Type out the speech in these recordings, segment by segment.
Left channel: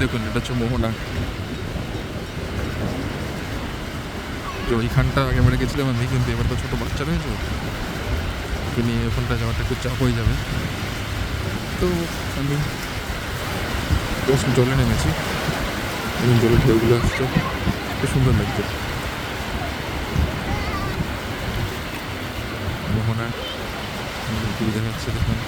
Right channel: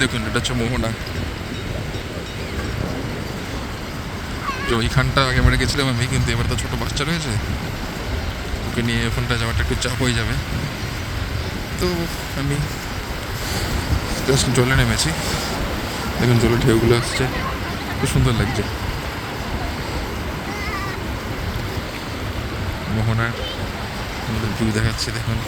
দেখুন, এটা হচ্ছে মোহনা। যে ওইখানটা আগে আমরা গেছিলাম আমি, কিন্তু এবার তো ছোটো বাচ্চা রয়েছে, ওকে নিয়ে ওখানটা যাওয়াটা একটু চাপ হয়ে যাবে। তো আমি জাস্ট জলে নেমেছি। দেখুন জলের ঢেউগুলো আসছে, খুব সুন্দর লাগছে। মোহনার ভিউ দেখাচ্ছি দেখুন।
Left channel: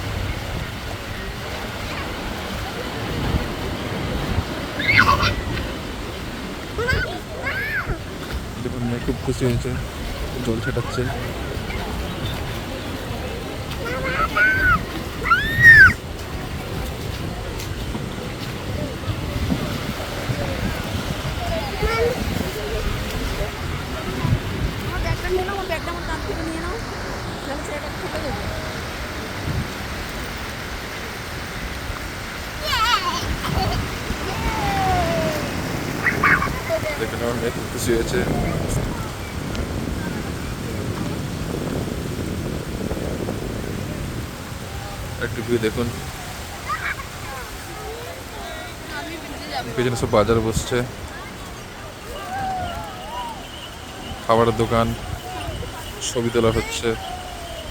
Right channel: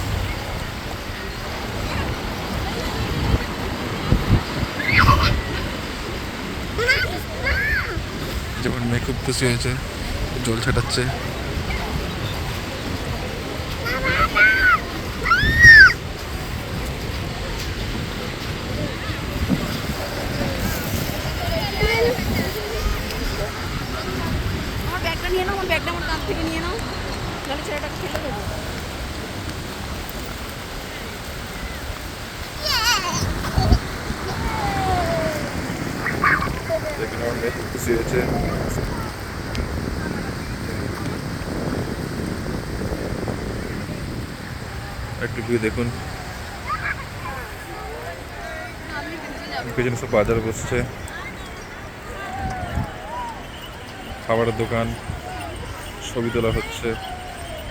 যেমন মেয়ে খুব খুশি হয়েছে, জল ছেটাচ্ছে। ব্যাগটা নিয়ে নাও, ব্যাগটা আমার কাছ থেকে নিয়ে নাও, তাহলে ছোটটা খুলে দেবো। দেখুন আমার মেয়ে খুব খুশি হয়েছে। একটু ভিউ দেখুন, পেছনে সব বাজার বসছে, খাবারের দোকান, ছবি তোলা হচ্ছে,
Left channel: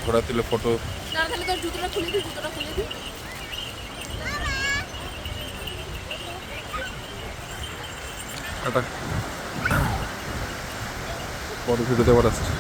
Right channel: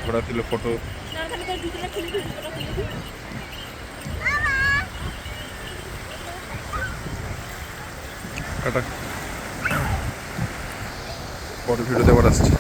ঘোড়া তুলে ফটো। তাহলে তোর জুতোটা খুলে দিই, জুতোটা খুলে দিই। একটা পরে ভিডিওতে আবার আসছে।